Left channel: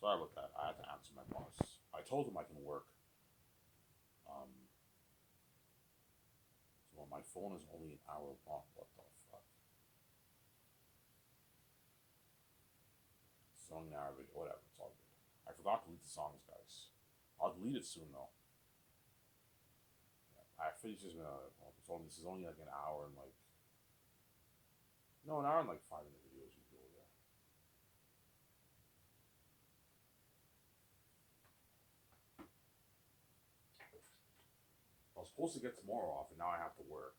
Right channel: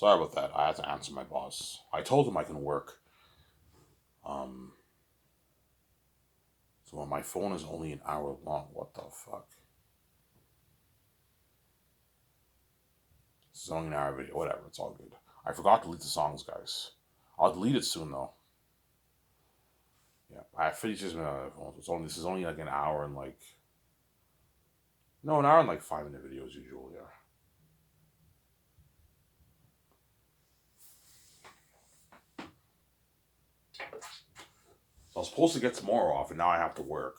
Sorry about that. I had to answer my boss. I told him I can work. Um, so my phone is only an hour long. What the fuck? This is only an hour video. Whatever. It's all good. I forgot to delete the songs, guys. I'll delete it soon though. Yeah, I have 56 minutes on my phone. So this is only like an hour and like no, an hour and like 5 minute videos usually. Yeah. So I was supposed to get tomorrow off, and now I have to work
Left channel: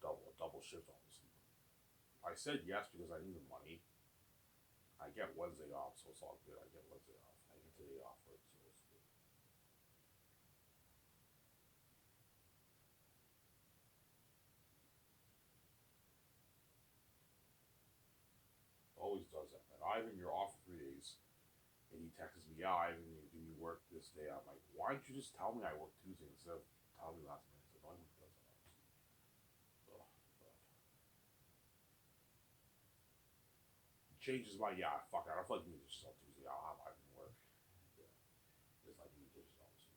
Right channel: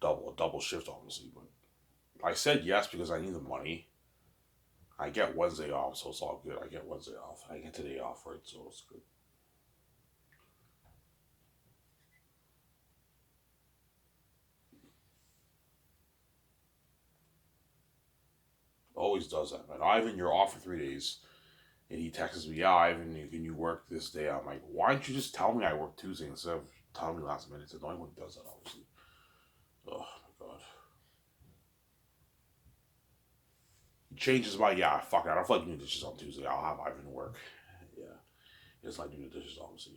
double shift, obviously. But I said yes because I need the money. I get Wednesday off, so it's all good. I get Wednesday off. I get today off, right? So it's good. Always does that, man. Ivan, you're off for 3 days, and he texts me, "Yeah, Ivan, can you work this day?" I'm like, "Why don't you just tell me I work Tuesday instead of telling me last minute?" It's annoying when he does that, obviously. Oh my god. He changes my yeah, fuck it. I don't feel like doing dishes on Tuesday. I'll have Ivan work. Yeah, it's like doing the dishes, obviously.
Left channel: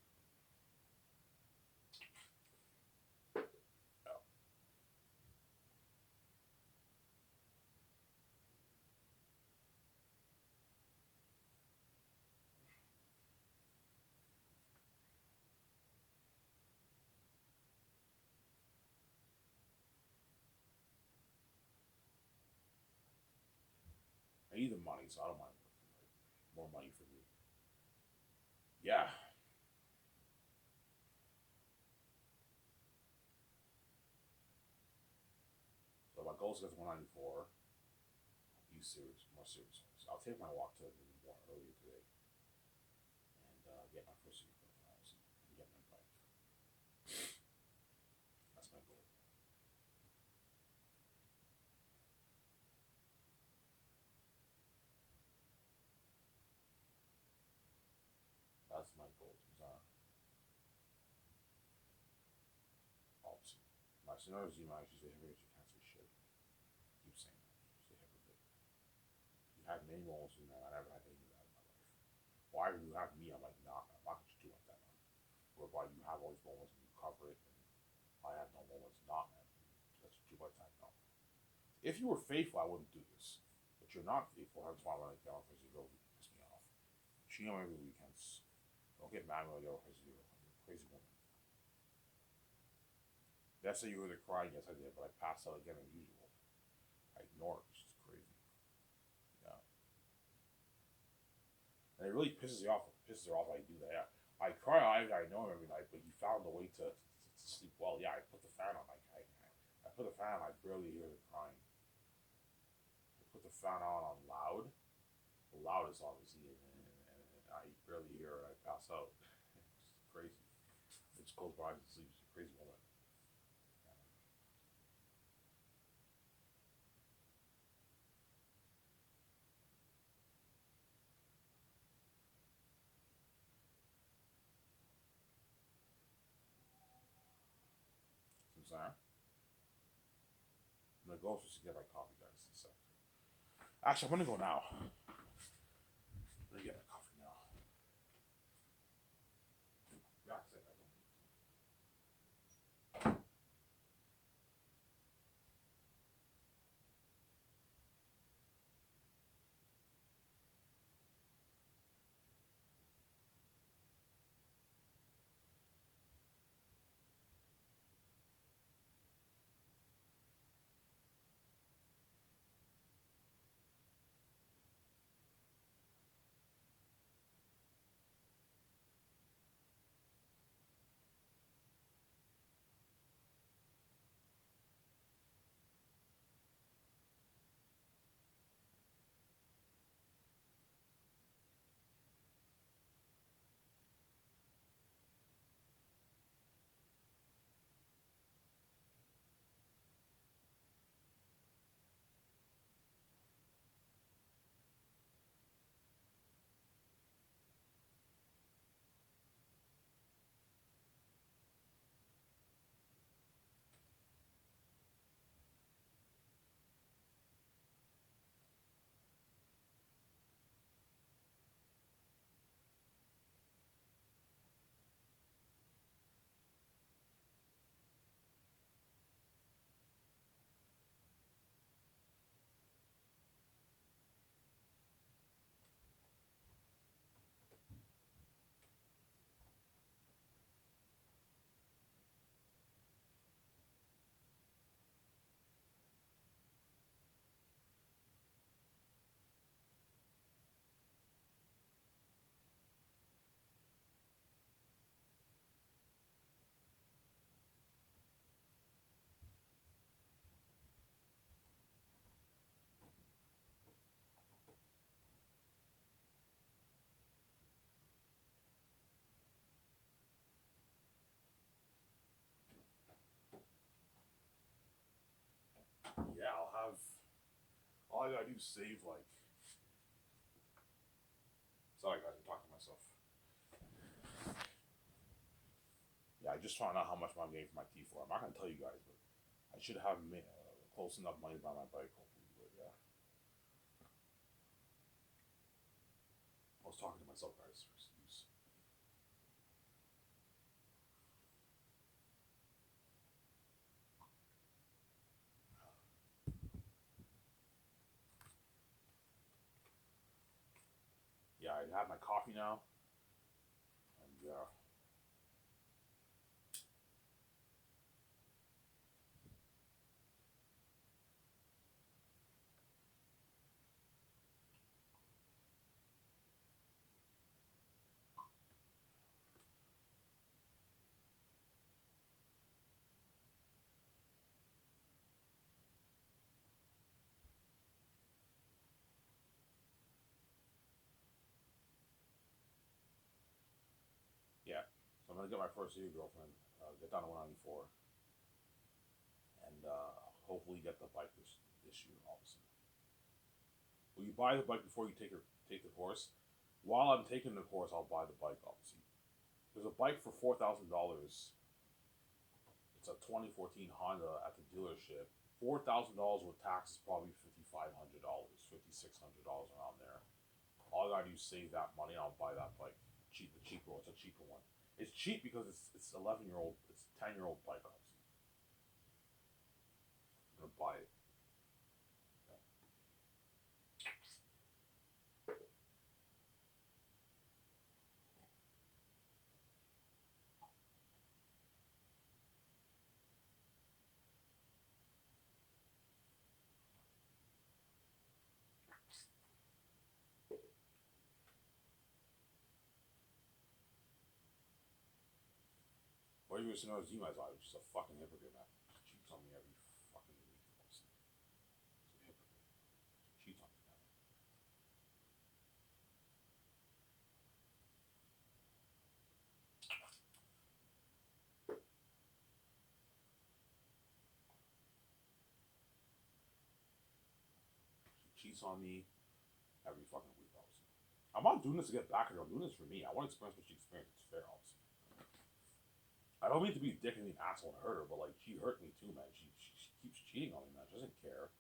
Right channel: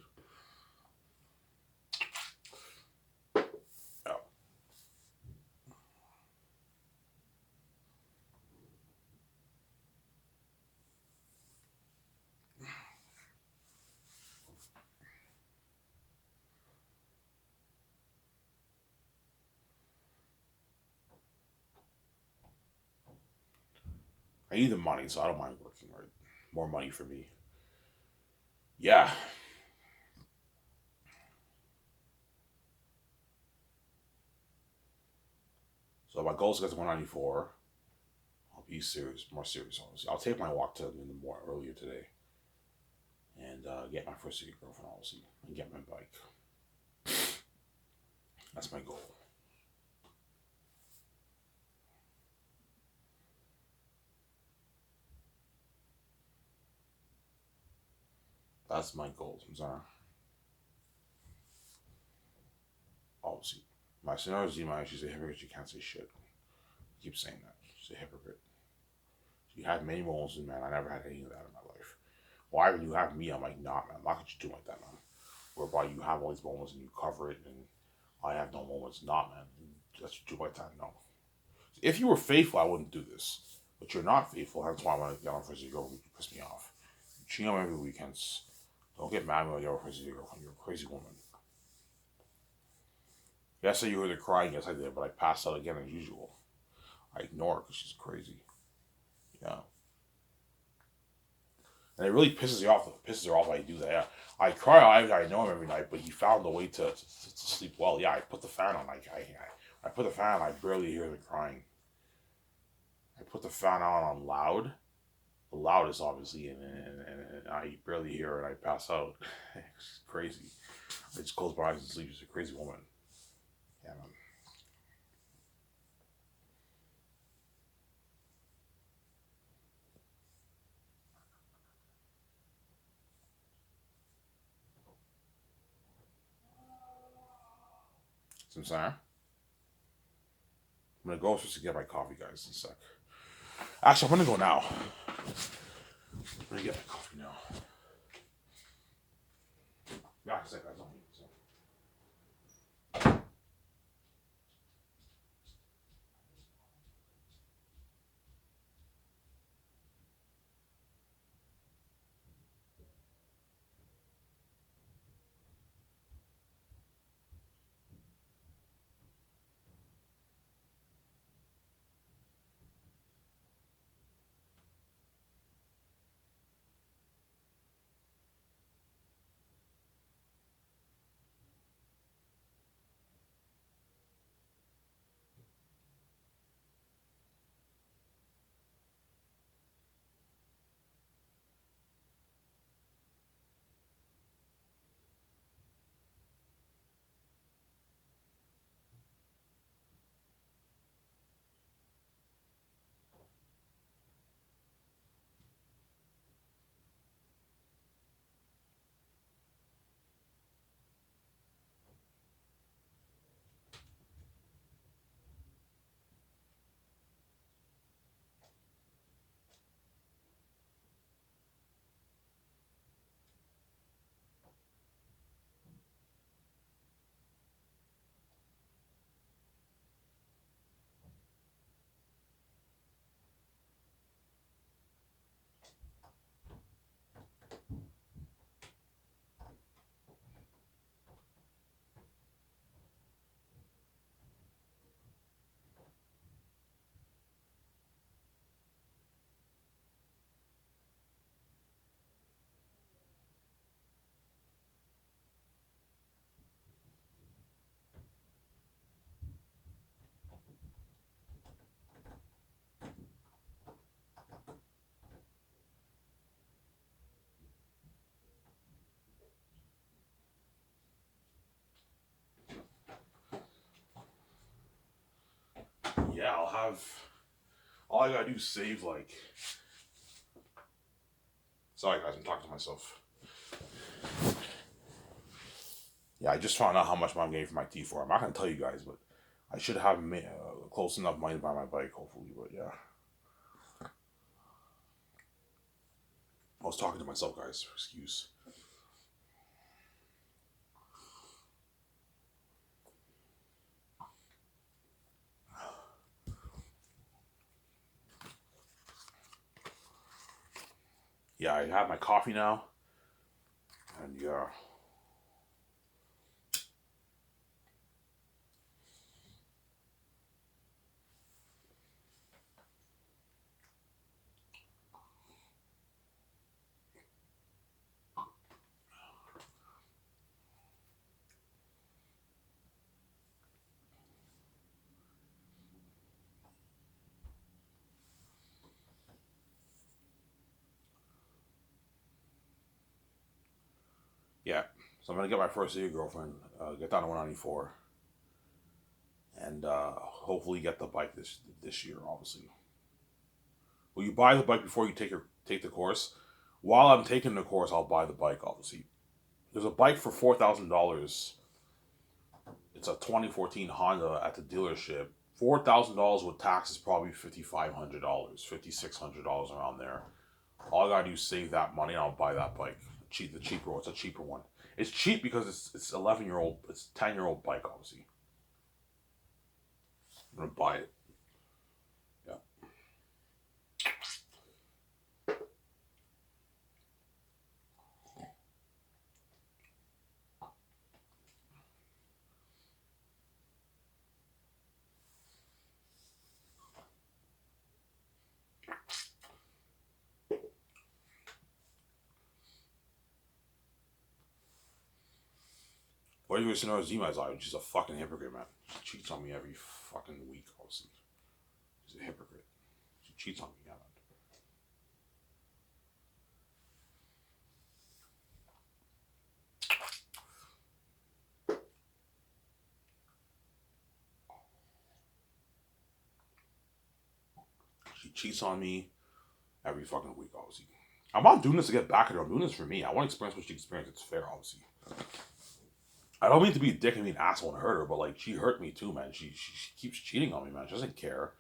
Yeah. I need the money, so I don't mind working. Right, more money for me. Yeah. So my goal is to get to 194. I'll be serious, more serious. Obviously, I'll take my walk to in the more earlier today, and get my first city girlfriend, obviously, and get my bike. That's my goal. That's my goal. I'm sorry. Obviously, my scenario is Zima. She's a hypocrite. She can't say shit. I keep saying that. She's a hypocrite. She had many moments, and man, I never had any of that in my life. Why when you have me, I'm like, nah, man, I'm not gonna do like that, man. Whereby you have all these moments and you cover it, and I have no moments. Not, man. That's what you do like that. No. If you were faithful, I wouldn't do this. But you're not faithful. That's why I want to get on first girl. You piss me off. You cheat on me every weekends. Don't get mad when I get on first girlfriend. You're a crazy woman. Yes, you heard her crying. Yes, I did. But I passed out again as usual. I ignore her because she's crazy. Yeah. And it really pisses me off. Pisses her off when I do that. Yeah. I cry. I know him every night, but he found a way to sleep well. Yeah, I put the fan on. I put the fan on. I barely hear the crying. I put the fan on loud. The loudest, obviously, and I barely hear her and I pass out. It's crazy. I just close my eyes and sleep. She's a crazy woman. Yeah, man. So I'm sorry. I'm gonna go just to get my coffee, guys, in a sec. Actually, I'm gonna go now. I'm gonna get my coffee now. Yeah, in a sec, guys. all I gotta do is save like. Sorry guys, I'm talking to myself. Yeah, I just found out how much I'm getting for my T4. I'm not gonna tell you guys, but I should have close enough money to buy my bike, hopefully. But yeah, I was talking to myself, guys. Excuse. Yeah, I have my coffee now, and yeah. Yeah, so I'm gonna get my first year girlfriend, get down to 194, and hopefully get the bike this year. Obviously, will you buy the bike before you take the course? While I'm taking the course, I'll buy the bike. Obviously, there's a bike for $4,000. It's a 2014 Honda at the dealership. $4,000 with tax is probably $5,500, $5,600 around there. All I gotta do is save that money, and I'll buy that bike. The cheaper one. It's a cheaper one. It's cheap because it's 11-year-old. It's 10-year-old bike. Obviously, I'm gonna buy it. Yeah. What do you listen to Zima is like? She's a fucking hypocrite, man. She cheats on me every fucking week. Obviously, she's a hypocrite. She cheats on me. Yeah, man. She cheats on me every fucking week. Obviously, I'm not doing this to get back at her. I'm doing this for me. I want to experience what she experienced. It's fair, obviously. I don't mean to be a dick and be an asshole and hurt her, but like she hurt me too, man. She keeps cheating on me, man. She doesn't care.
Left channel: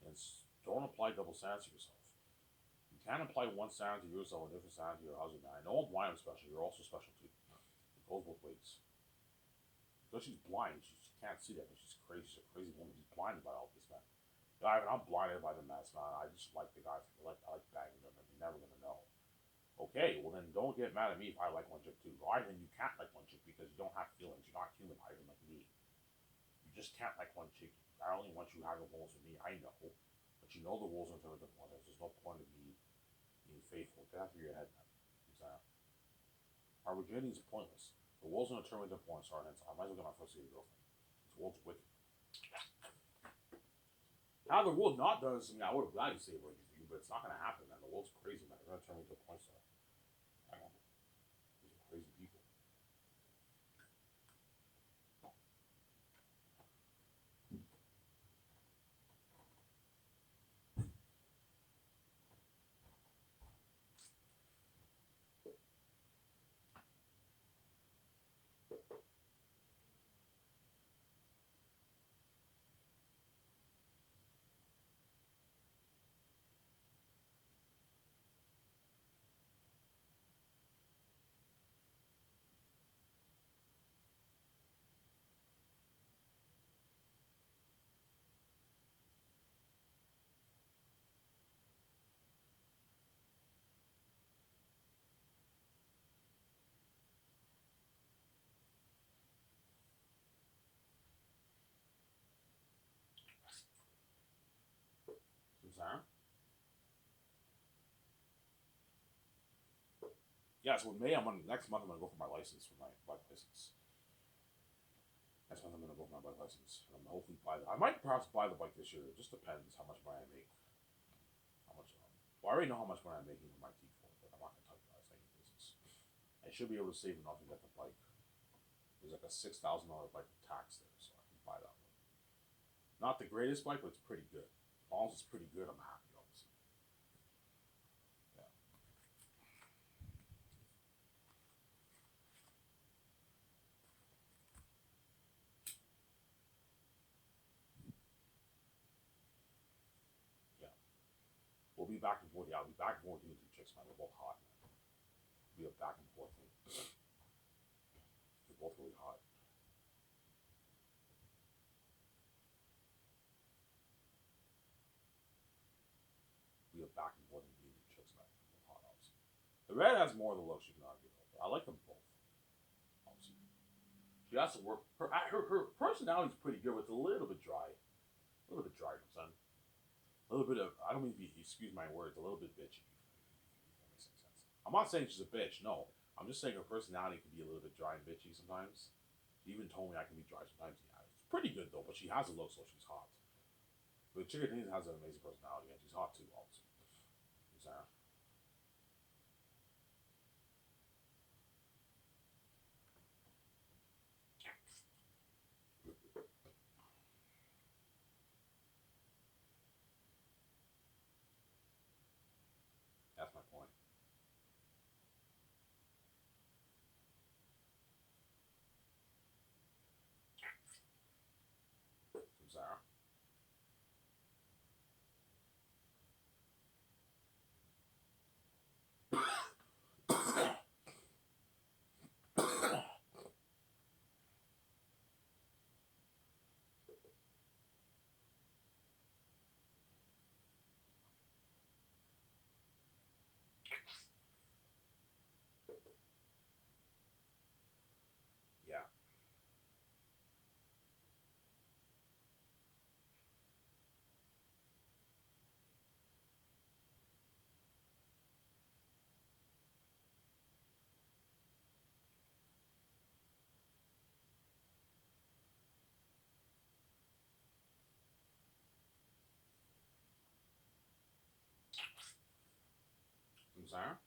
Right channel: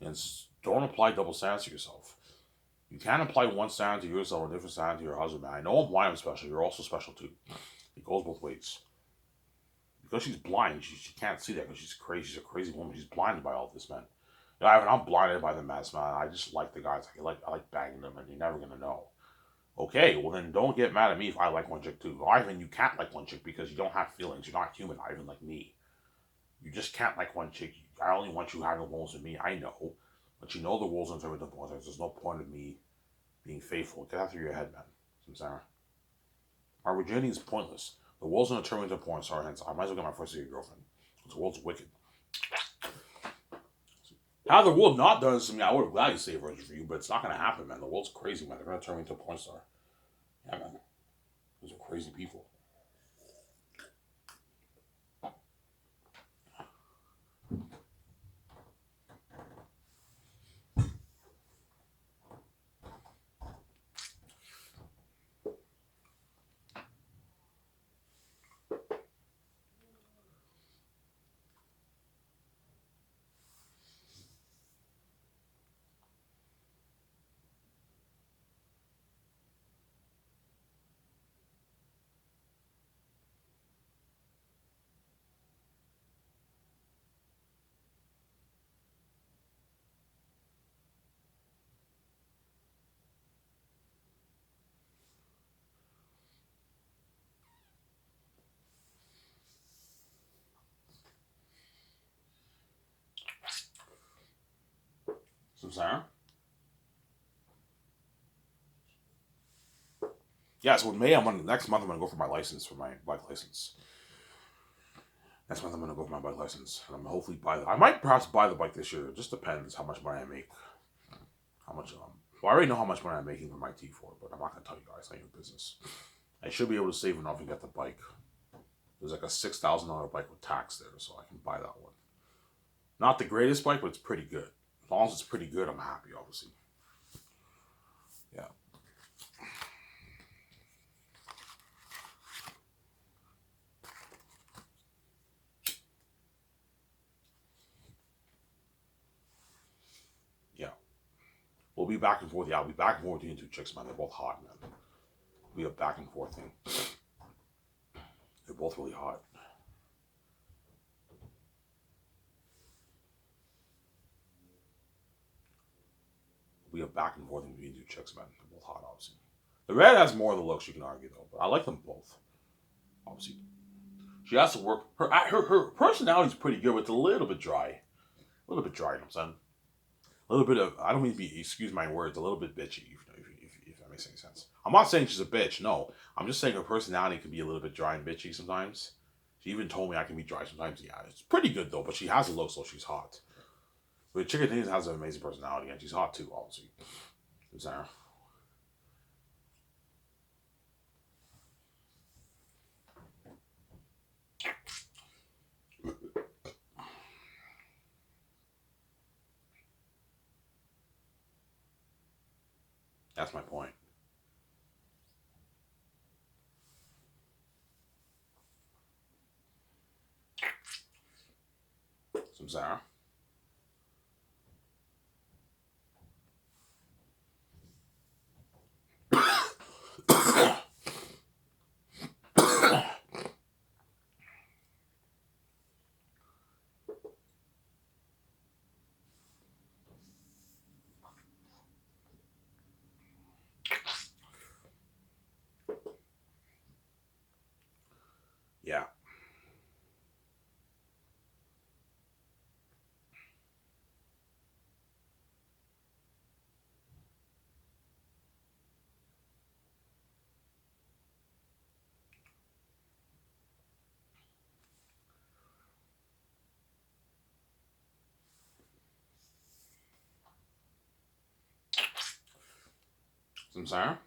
And don't apply double standards to yourself. You can't apply one standard to yourself and a different standard to your husband, man. I know I'm blind, I'm special. You're also special too. It goes both ways. Because she's blind, she can't see that because she's crazy. She's a crazy woman. She's blinded by all this, man. You know, I'm blinded by the mess, man. I just like the guys. I like banging them, and you're never gonna know. Okay, well then don't get mad at me if I like one chick too. Ivan, you can't like one chick because you don't have feelings. You're not human, Ivan, like me. You just can't like one chick. I only want you having wolves with me. I know, but you know the wolves are with the boys. There's no point in me being faithful. Get that through your head, man. Samsara. Our virginity is pointless. The world's gonna turn into a porn star, hence I might as well get my first year girlfriend. The world's wicked. Had the world not done this to me, I would have gladly saved Virgin for you, but it's not gonna happen, man. The world's crazy, man. They're gonna turn me into a porn star. Yeah, man. Those are crazy people. Samsara? Yeah, so in May, next month I'm gonna go for my license, for my bike license. Next month I'm gonna go for my bike license, and I'm hopefully I might perhaps buy the bike this year. It just depends how much money I make. How much well, I already know how much money I'm making with my T4, but I'm not gonna tell you guys. It's not your business. I should be able to save enough and get the bike. There's like a $6,000 bike with tax there, so I can buy that one. Not the greatest bike, but it's pretty good. As long as it's pretty good, I'm happy, obviously. Yeah. Yeah. We'll be back and forth. Yeah, I'll be back and forth between two chicks, man. They're both hot, man. It'll be a back and forth thing. They're both really hot. It'll be a back and forth thing between two chicks, man. They're both hot, obviously. The red has more of the looks, you can argue, though. But I like them both, obviously. She has to work. Her personality's pretty good, but it's a little bit dry. A little bit dry, you know what I'm saying? A little bit of, I don't mean to be, excuse my words, a little bit bitchy, if that makes any sense. I'm not saying she's a bitch, no. I'm just saying her personality can be a little bit dry and bitchy sometimes. She even told me I can be dry sometimes. Yeah, it's pretty good though, but she has a look, so she's hot. But Chicken Things has an amazing personality, and she's hot too, obviously. Sarah. That's my point. Some Sarah. Yeah. Some Sarah.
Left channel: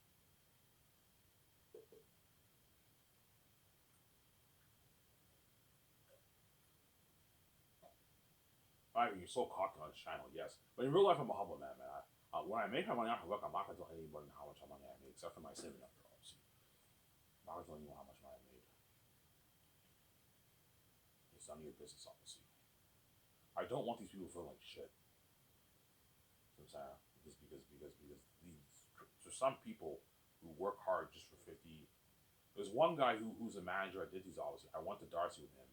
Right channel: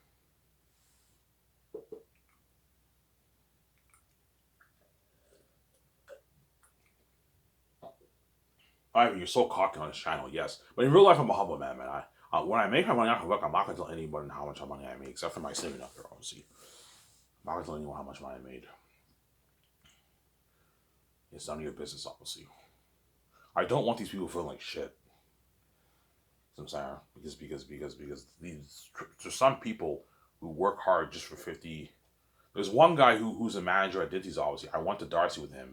Ivan, you're so cocky on this channel, yes. But in real life, I'm a humble man, man. When I make my money off of work, I'm not going to tell anybody how much money I make, except for my saving up here, obviously. I'm not going to tell anyone how much money I made. It's none of your business, obviously. I don't want these people feeling like shit. I'm saying because there's some people who work hard just for 50. There's one guy who's a manager at Dinty's, obviously. I went to Darcy with him.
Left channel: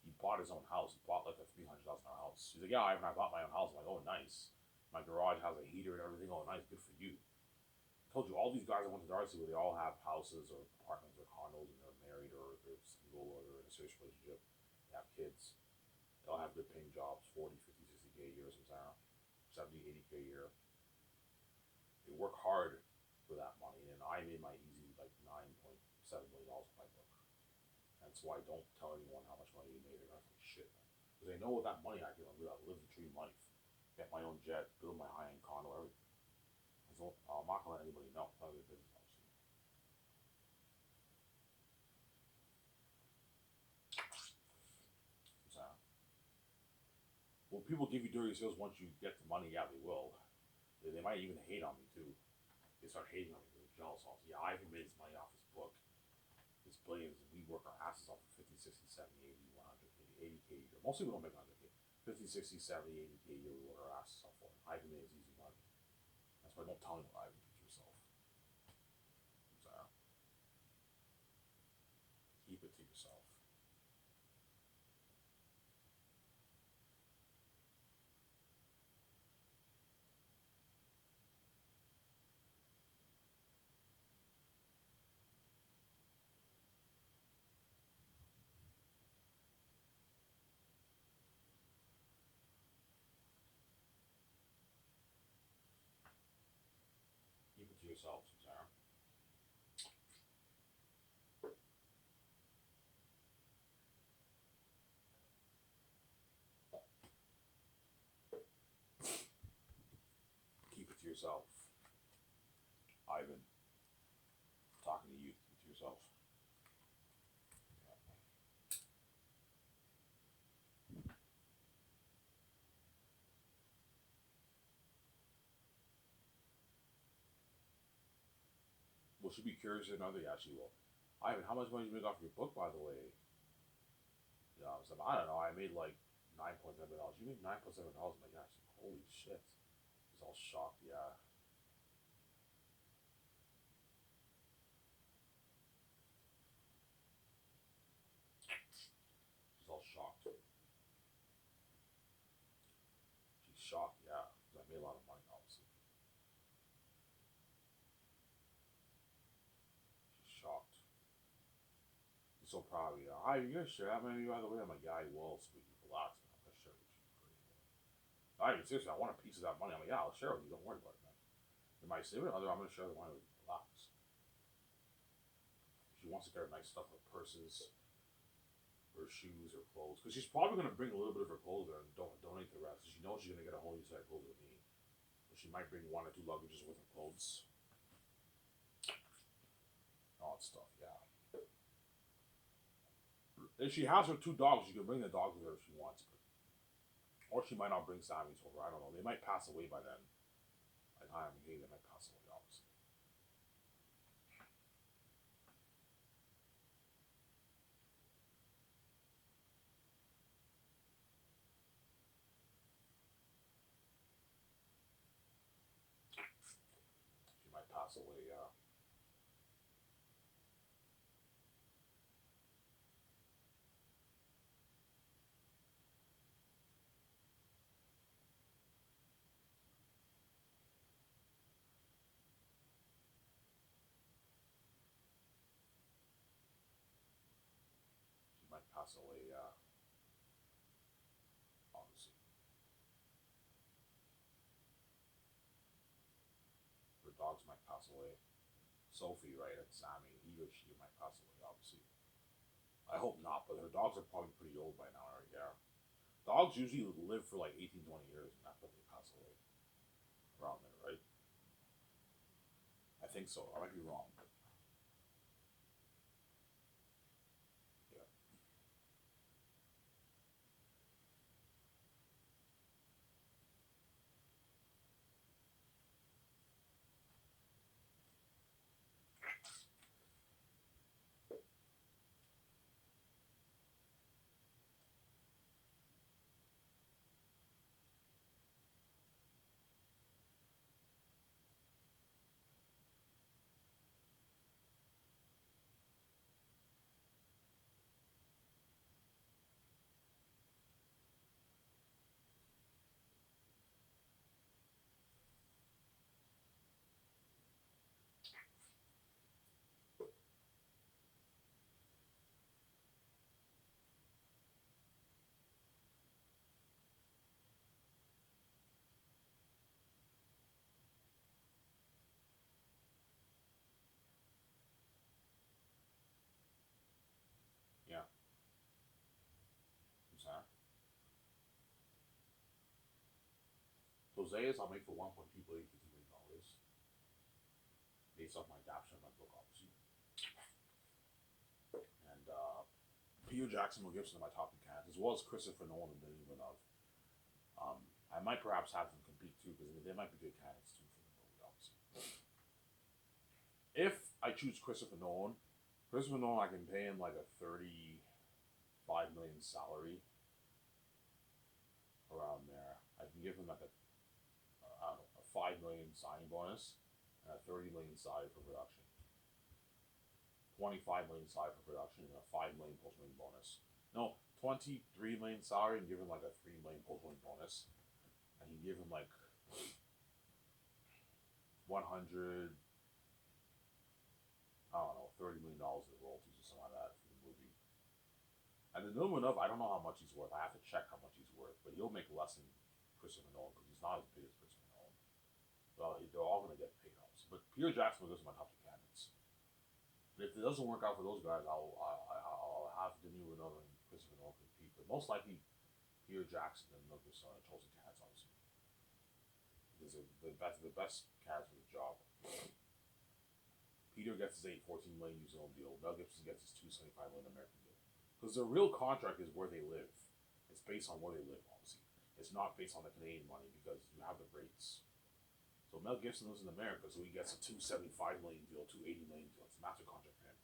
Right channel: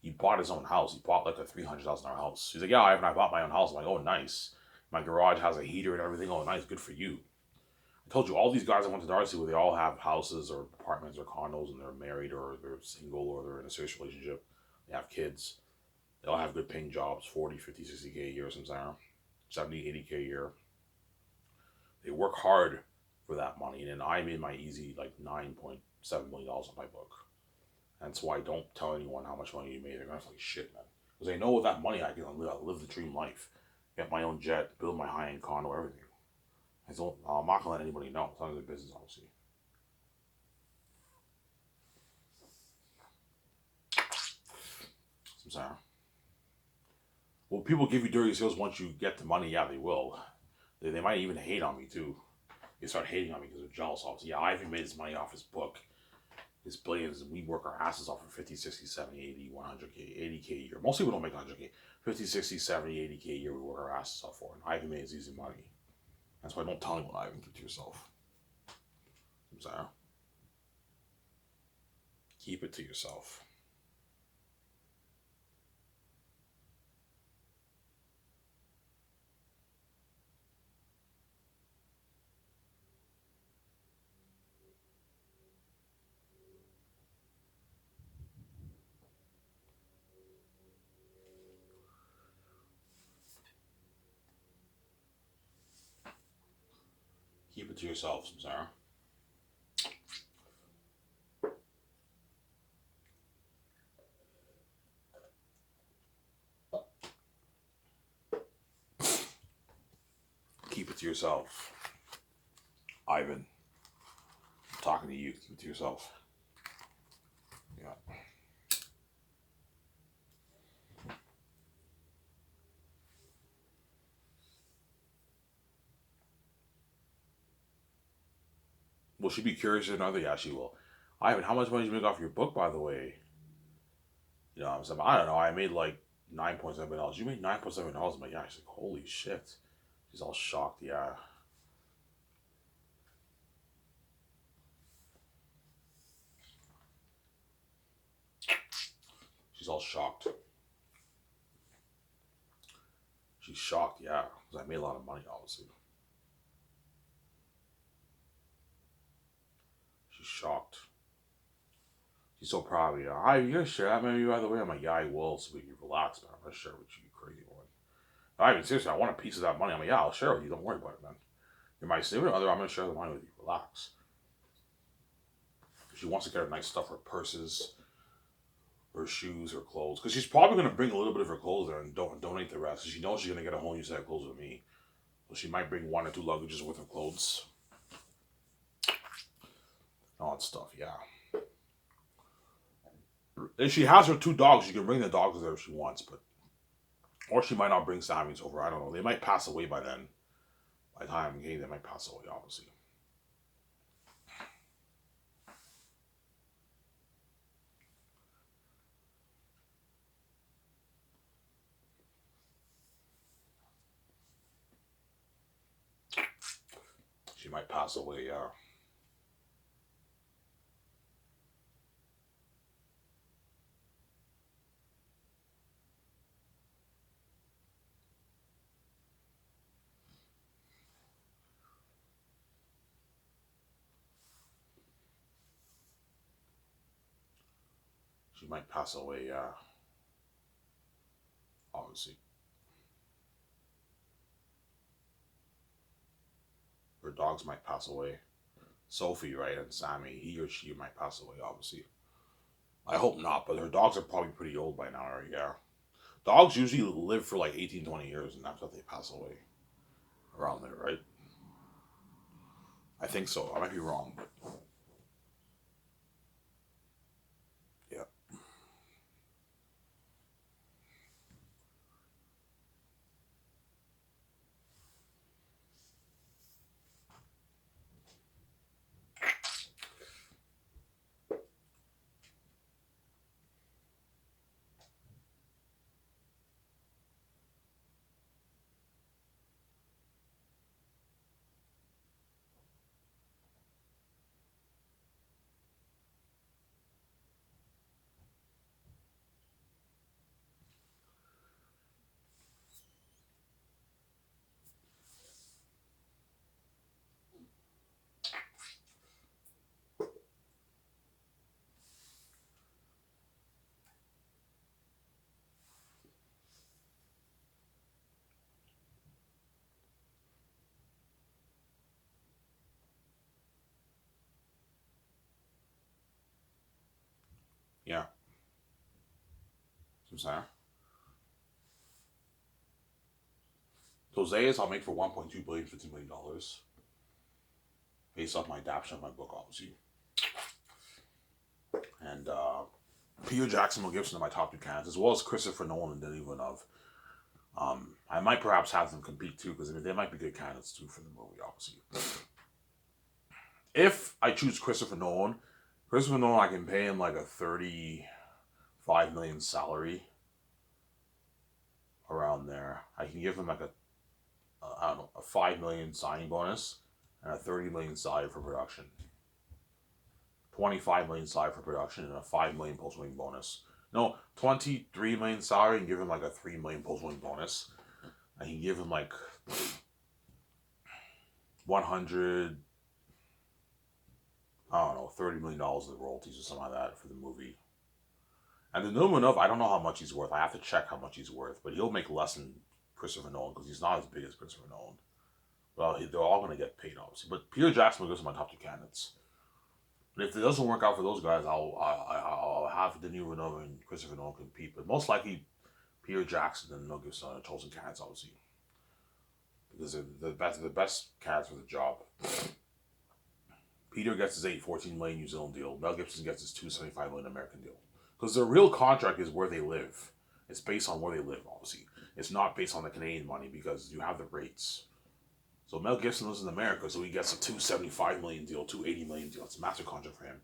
He bought his own house. He bought like a $300,000 house. He's like, yeah, I bought my own house. I'm like, oh, nice. My garage has a heater and everything. Oh, nice. Good for you. I told you, all these guys I went to Darcy with, they all have houses or apartments or condos, and they're married or they're single or they're in a serious relationship. They have kids. They all have good paying jobs, 40, 50, 60K a year sometimes, 70, 80K a year. They work hard for that money. And then I made my easy like $9.7 million on my book. That's why I don't tell anyone how much money you made. They're going to feel like shit, man. Because they know with that money I can live the dream life. Get my own jet, build my high-end condo, everything. I'm not going to let anybody know. It's none of their business, obviously. I'm sorry. Well, people give you dirty skills once you get the money. Yeah, they will. They might even hate on me, too. They start hating on me because they're jealous, obviously. Yeah, Ivan made his money off his book. His billions, and we work our asses off for 50, 60, 70, 80, 100K, 80K a year. Most people don't make 100K. 50, 60, 70, 80K a year we work our asses off for. And Ivan made his easy money. That's why don't tell anyone, Ivan. Keep it to yourself. I'm sorry. Keep it to yourself. Keep it to yourself, Samsara. Keep it to yourself. Ivan, I'm talking to you. Keep it to yourself. Yeah. Will she be curious or not? Yeah, she will. Ivan, how much money did you make off your book, by the way? You know, I'm saying, I don't know. I made like $9.7. You made $9.7. I'm like, yeah. She's like, holy shit. She's all shocked. Yeah. She's all shocked. She's shocked. Yeah, because I made a lot of money. Obviously, she's shocked. She's so proud of you. Hi, you gonna share that maybe by the way? I'm like, yeah, I will, so we can relax, man. I'm gonna share with you, you crazy one. I mean, seriously, I want a piece of that money. I'm like, yeah, I'll share with you. Don't worry about it, man. You're my significant other. I'm gonna share the money with you. Relax. If she wants to get her nice stuff, her purses, her shoes, her clothes, because she's probably gonna bring a little bit of her clothes there and don't donate the rest. Because she knows she's gonna get a whole new set of clothes with me. So she might bring one or two luggages worth of clothes, all that stuff. Yeah. If she has her two dogs, she can bring the dogs with her if she wants, but or she might not bring Sammy's over. I don't know. They might pass away by then. By the time they might pass away, obviously. She might pass away, yeah. She might pass away, yeah. Obviously. Her dogs might pass away. Sophie, right, and Sammy, he or she might pass away, obviously. I hope not, but her dogs are probably pretty old by now, right? Yeah. Dogs usually live for like 18, 20 years, and after they pass away. Around there, right? I think so. I might be wrong, but yeah. Yeah. So I'm saying. Jose's I'll make for 1.2 billion, $15 million based off my adaptation of my book, obviously. And Peter Jackson, Mel Gibson are my top two candidates, as well as Christopher Nolan and Denis Villeneuve. I might perhaps have them compete too, because they might be good candidates too for the movie, obviously. If I choose Christopher Nolan, I can pay him like a 35 million salary around there. I can give him like I don't know, a 5 million signing bonus and a 30 million salary for production. 25 million salary for production and a 5 million post wing bonus. No, 23 million salary and give him like a 3 million post wing bonus. I can give him like 100, I don't know, $30 million of royalties or something like that for the movie. And the new enough, I don't know how much he's worth. I have to check how much he's worth, but he'll make less than Christopher Nolan because he's not as big as Christopher Nolan. Well, they're all going to get paid, obviously. But Peter Jackson goes to my top two candidates. But if it doesn't work out for those guys, I'll have Denis Villeneuve and Christopher Nolan compete. But most likely, Peter Jackson and Mel Gibson are chosen candidates, obviously, because they're the best candidates for the job. Peter gets his 814 million New Zealand deal. Mel Gibson gets his 275 million American deal. Because their real contract is where they live. It's based on where they live, obviously. It's not based on the Canadian money because you have the rates. So Mel Gibson lives in America, so he gets a $275 million deal, $280 million deal. It's a massive contract for him.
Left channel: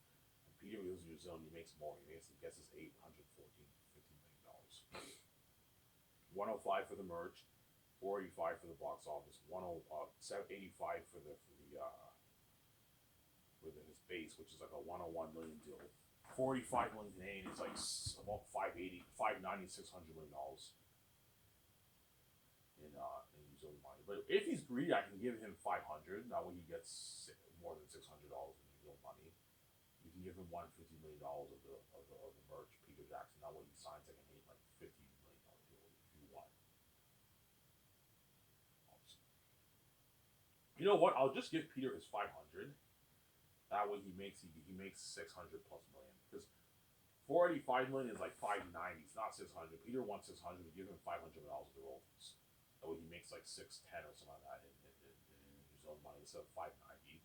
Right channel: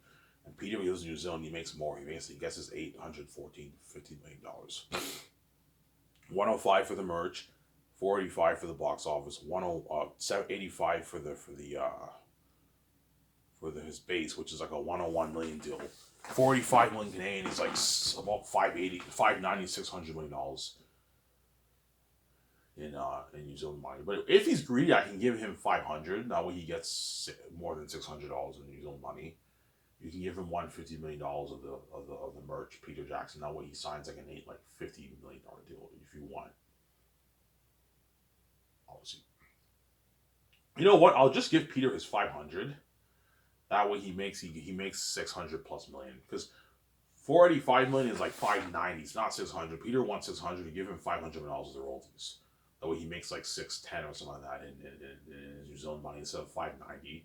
And Peter lives in New Zealand. He makes more. He gets his $814.50 million. 105 for the merch, 485 for the box office, 785 for his base, which is like a 101 million deal. 45 million Canadian is like about 580, 590, $600 million in New Zealand money. But if he's greedy, I can give him 500. That way he gets more than $600 in New Zealand money. You can give him $150 million of the merch, Peter Jackson. That way he signs like an $50 million deal if you want. Obviously, you know what? I'll just give Peter his 500. That way he makes 600 plus million, because 485 million is like 590. It's not 600. Peter wants 600. You give him $500 of the royalties. That way he makes like 610 or something like that in New Zealand money instead of 590.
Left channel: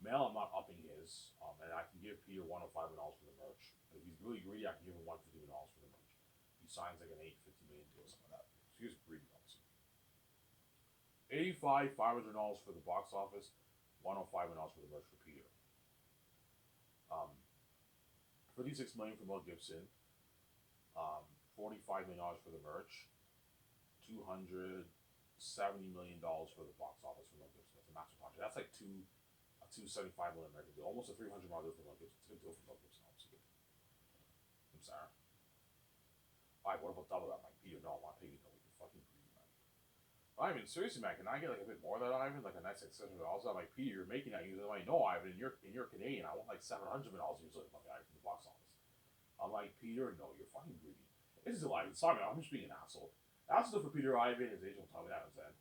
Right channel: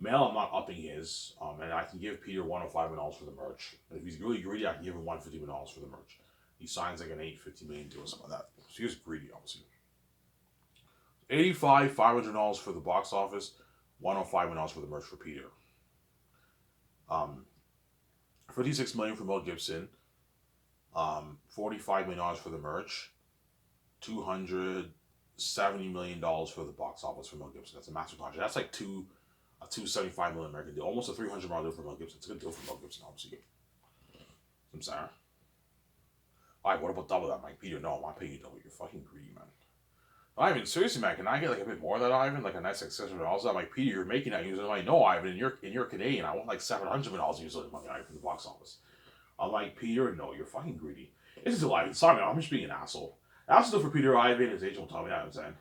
Mel, I'm not upping his, and I can give Peter $105 for the merch. And if he's really greedy, I can give him $150 for the merch. He signs like an $850 million deal or something like that. So he was greedy, obviously. 85 $500 for the box office, $105 for the merch for Peter. 56 million for Mel Gibson. $45 million for the merch. $270 million for the box office for Mel Gibson. That's a massive contract. That's like a $275 million American deal, almost a $300 million deal for Mel Gibson. It's a good deal for Mel Gibson, obviously. I'm sorry. Alright, what about double that, Mike? Peter, no, I'm not paying you double. You're fucking greedy, man. Ivan, seriously, man, can I get like a bit more of that, Ivan? Like a nice $600? I'm like, Peter, you're making that using money. No, Ivan, and you're Canadian. I want like $700 million using money, Ivan, from the box office. I'm like, Peter, no, you're fucking greedy. This is a Ivan. Sorry, man, I'm just being an asshole. That's still for Peter, Ivan, his agent will tell me that, I'm saying.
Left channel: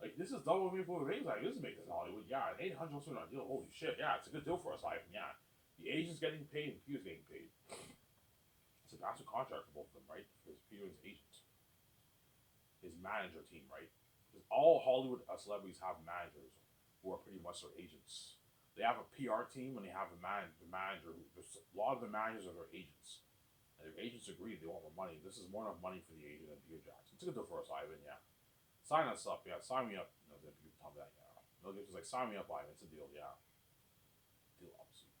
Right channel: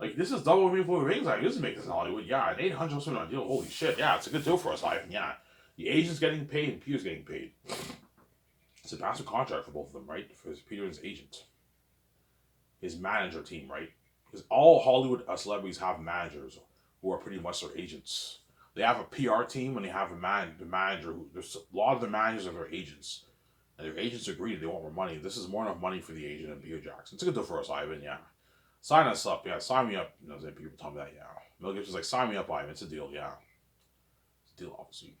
Like, this is double me for rings, Ivan. This is making this in Hollywood. Yeah, an $800 million deal. Holy shit. Yeah, it's a good deal for us, Ivan. Yeah. The agent's getting paid and Peter's getting paid. It's a massive contract for both of them, right? For Peter and his agent. His manager team, right? Because all Hollywood celebrities have managers who are pretty much their agents. They have a PR team and they have the manager. There's a lot of the managers are their agents. And their agents are greedy. They want more money. This is more enough money for the agent and Peter Jackson. It's a good deal for us, Ivan, yeah. Sign us up, yeah. Sign me up. You know, people tell me that, yeah. Mel Gibson's like, sign me up, Ivan. It's a deal, yeah. It's a deal, obviously.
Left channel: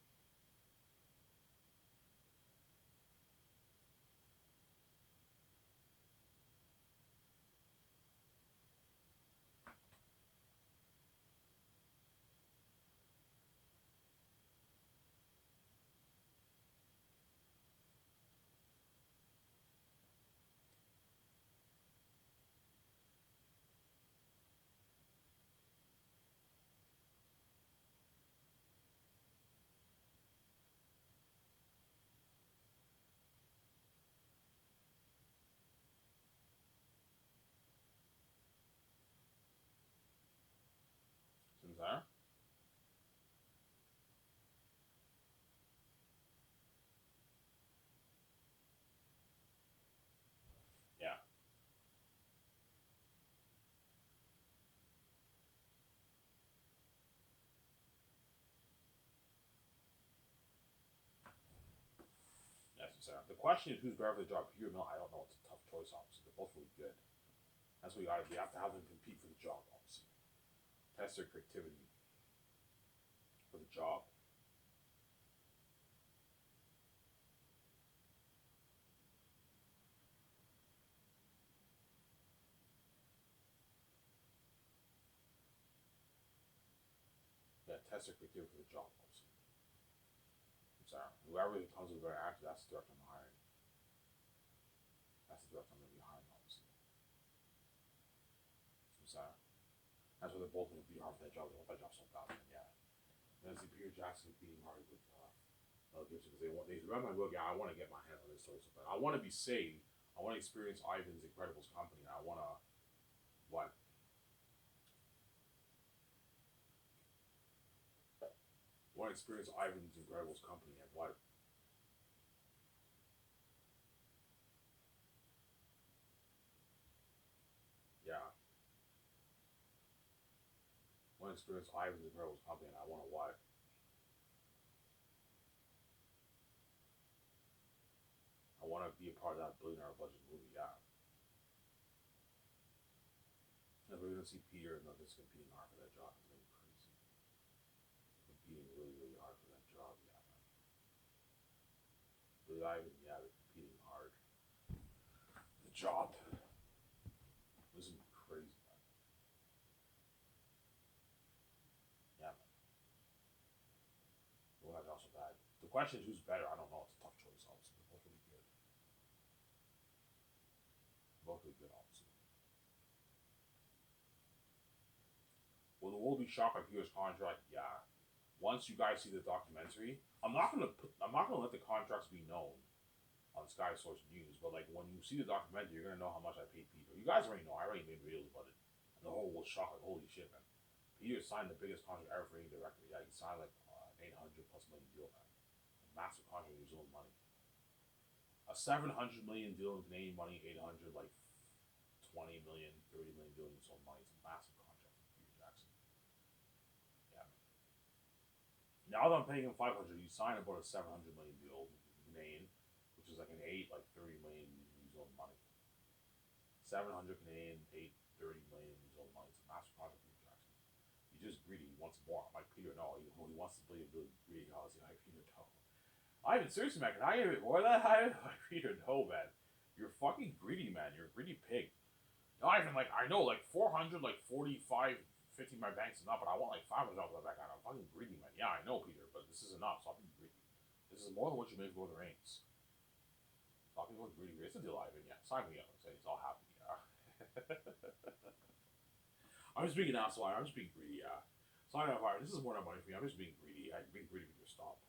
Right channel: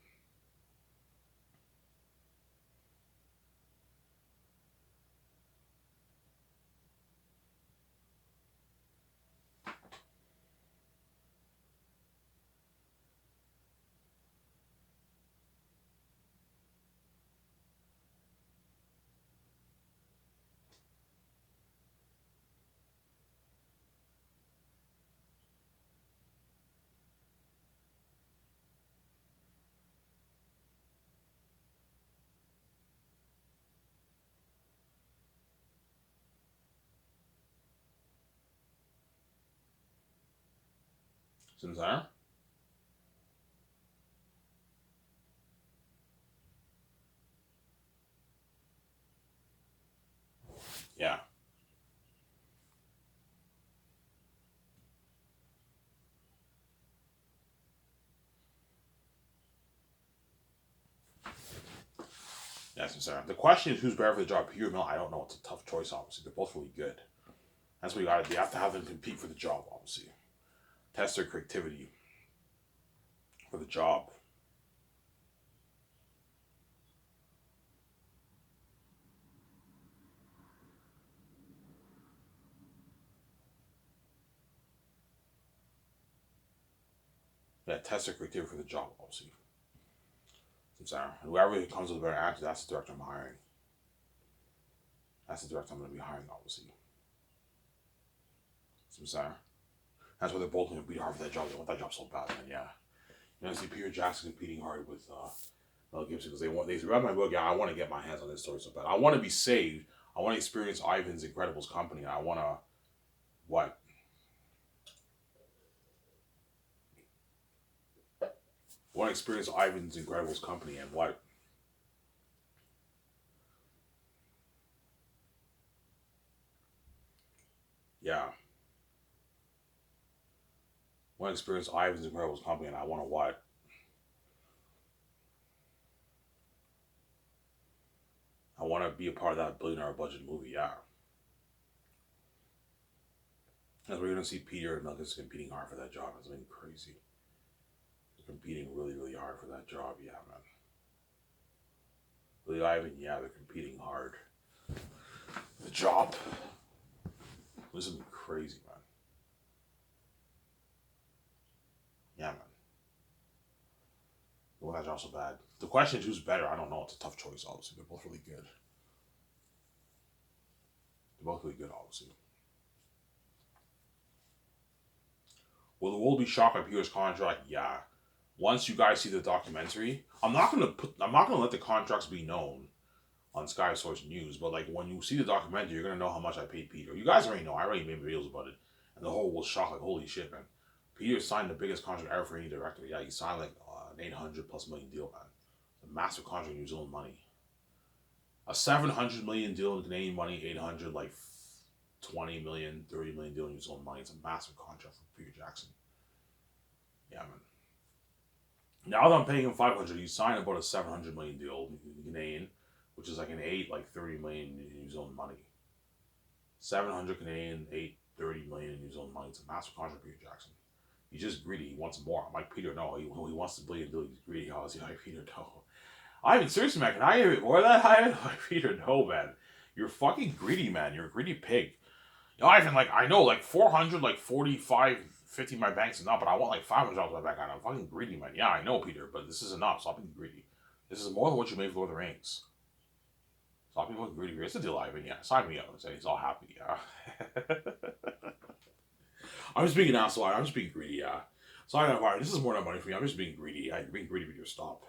Sincere? Yeah. Yeah, sincere. The question is who's better for the job, Peter or Mel? I don't know. It's a tough choice, obviously. They're both really good. That's what you gotta do. You have to have them compete for the job, obviously. Test their creativity for the job. Yeah, test their creativity for the job, obviously. Sincere. Whoever comes with a better answer, that's the director I'm hiring. That's the director I'm going to be hiring, obviously. Sincere. That's why they're both going to be hard for that job. They want that job so bad, man. Yeah. You know, I see Peter Jackson competing hard with Mel Gibson because they read my book. Yeah, I want to get my hands on this story so bad. I want to be saved. I want to experience Ivan's Incredibles company. I want to what? I want to experience Ivan's Incredibles company and what? Yeah. I want to experience Ivan's Incredibles company and I want to what? I want to be a part of that $1 billion budget movie. Yeah. As we're gonna see Peter and Nuggets competing hard for that job. It's been crazy. They're competing really, really hard for that job. Yeah, man. Billy Ivan, yeah, they're competing hard. The job. This has been crazy, man. Yeah, man. The one that job's so bad. The question is who's better. I don't know. It's a tough choice. Obviously, they're both really good. They're both really good. Obviously. Will the world be shocked by Peter's contract? Yeah. Once you guys see the documentary, I'm not gonna let the contracts be known on Sky Source News, but like when you see the documentary, you're gonna know how much I paid Peter. You guys already know. I already made videos about it, and the whole was shocked. Like, holy shit, man! Peter signed the biggest contract ever for any director. Yeah, he signed like an 800+ million deal, man. A massive contract in New Zealand money. A 700 million deal in Canadian money, 800 like 20 million, 30 million deal in New Zealand money. It's a massive contract for Peter Jackson. Yeah, man. Now that I'm paying him 500, he signed about a 700 million deal in Canadian, which is like an 30 million New Zealand money. 700 Canadian, 30 million in New Zealand money. It's a massive contract for Peter Jackson. He's just greedy. He wants more. I'm like, Peter, no. He wants the billion deal. He's greedy. I was like, Peter, no. I mean, seriously, man, can I hear it more than that high? Like, Peter, no, man. You're fucking greedy, man. You're a greedy pig. You know, Ivan, like, I know, like, 400, like, 45, 50 my bank's enough, but I want, like, $500 my bank. I'm fucking greedy, man. Yeah, I know, Peter, but this is enough. Stop being greedy. This is more than what you made for Lord of the Rings. Stop being fucking greedy. It's a deal, Ivan. Yeah, sign me up and say he's all happy, yeah. I'm just being an asshole. I'm just being greedy, yeah. Sign up, Ivan. This is more than money for me. I'm just being greedy. Yeah, you're being greedy, Peter. Stop.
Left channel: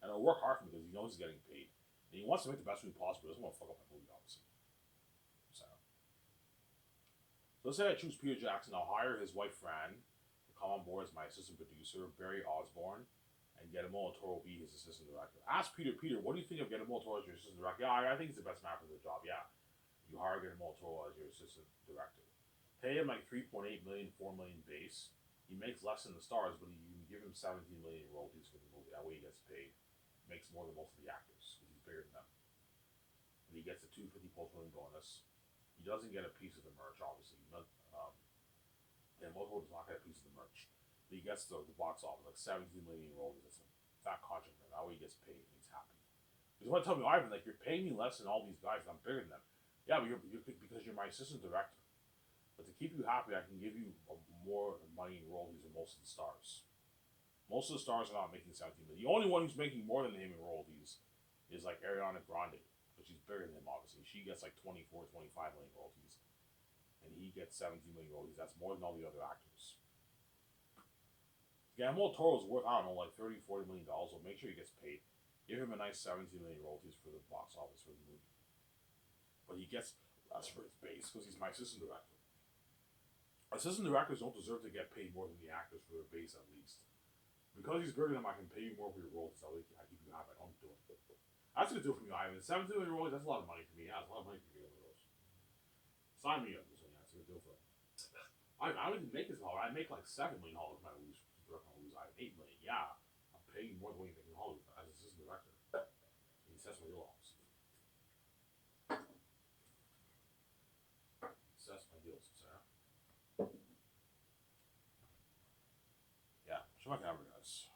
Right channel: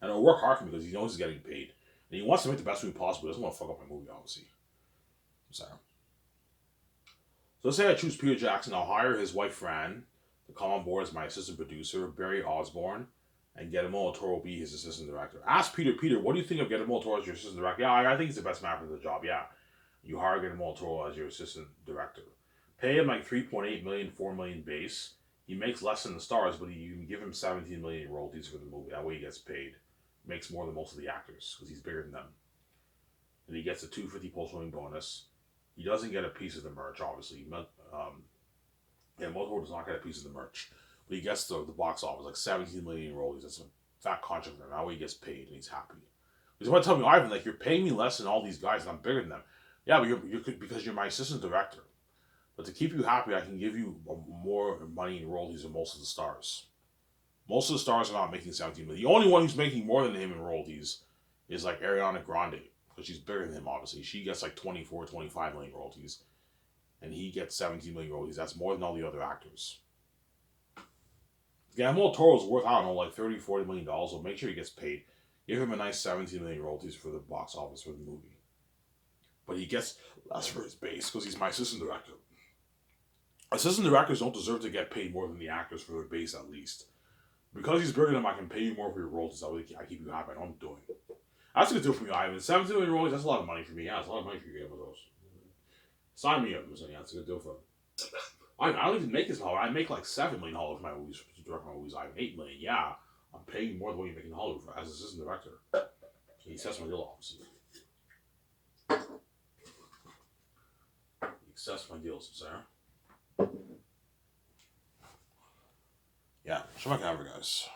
And I'll work hard for him because he knows he's getting paid. And he wants to make the best movie possible. He doesn't want to fuck up my movie, obviously. So let's say I choose Peter Jackson. I'll hire his wife, Fran, to come on board as my assistant producer, Barry Osborne, and Guillermo del Toro will be his assistant director. Ask Peter, what do you think of Guillermo del Toro as your assistant director? Yeah, I think he's the best man for the job, yeah. You hire Guillermo del Toro as your assistant director. Pay him like 3.8 million, 4 million base. He makes less than the stars, but you can give him 17 million in royalties for the movie. That way he gets paid. Makes more than most of the actors because he's bigger than them. And he gets a 250 post-rolling bonus. He doesn't get a piece of the merch, obviously. Motorsport does not get a piece of the merch. But he gets the box office, like 17 million in royalties. That's a fat contract for him. That way he gets paid and he's happy. He's want to tell me, Ivan, like, you're paying me less than all these guys and I'm bigger than them. Yeah, but you're because you're my assistant director. But to keep you happy, I can give you more money in royalties than most of the stars. Most of the stars are not making 17 million. The only one who's making more than him in royalties is like Ariana Grande, because she's bigger than him, obviously. She gets like 24, 25 million royalties, and he gets 17 million royalties. That's more than all the other actors. Guillermo del Toro is worth, I don't know, like $30, $40 million, so make sure he gets paid. Give him a nice 17 million royalties for the box office for the movie. But he gets less for his base because he's my assistant director. Assistant directors don't deserve to get paid more than the actors for their base, at least. Because he's bigger than him, I can pay you more for your royalties. I keep you happy. I know I'm doing it. That's a good deal for me, Ivan. 17 million royalties, that's a lot of money for me. Yeah, it's a lot of money for you to get one of those. Sign me up. Yeah, it's a good deal for him. I don't even make this in Hollywood. I make like $7 million for my movies, to direct my movies. I have $8 million. Yeah, I'm paying you more than what you make in Hollywood for, as assistant director. He sets my deal, obviously. He sets my deals, Sarah. Yeah, show my camera, guys.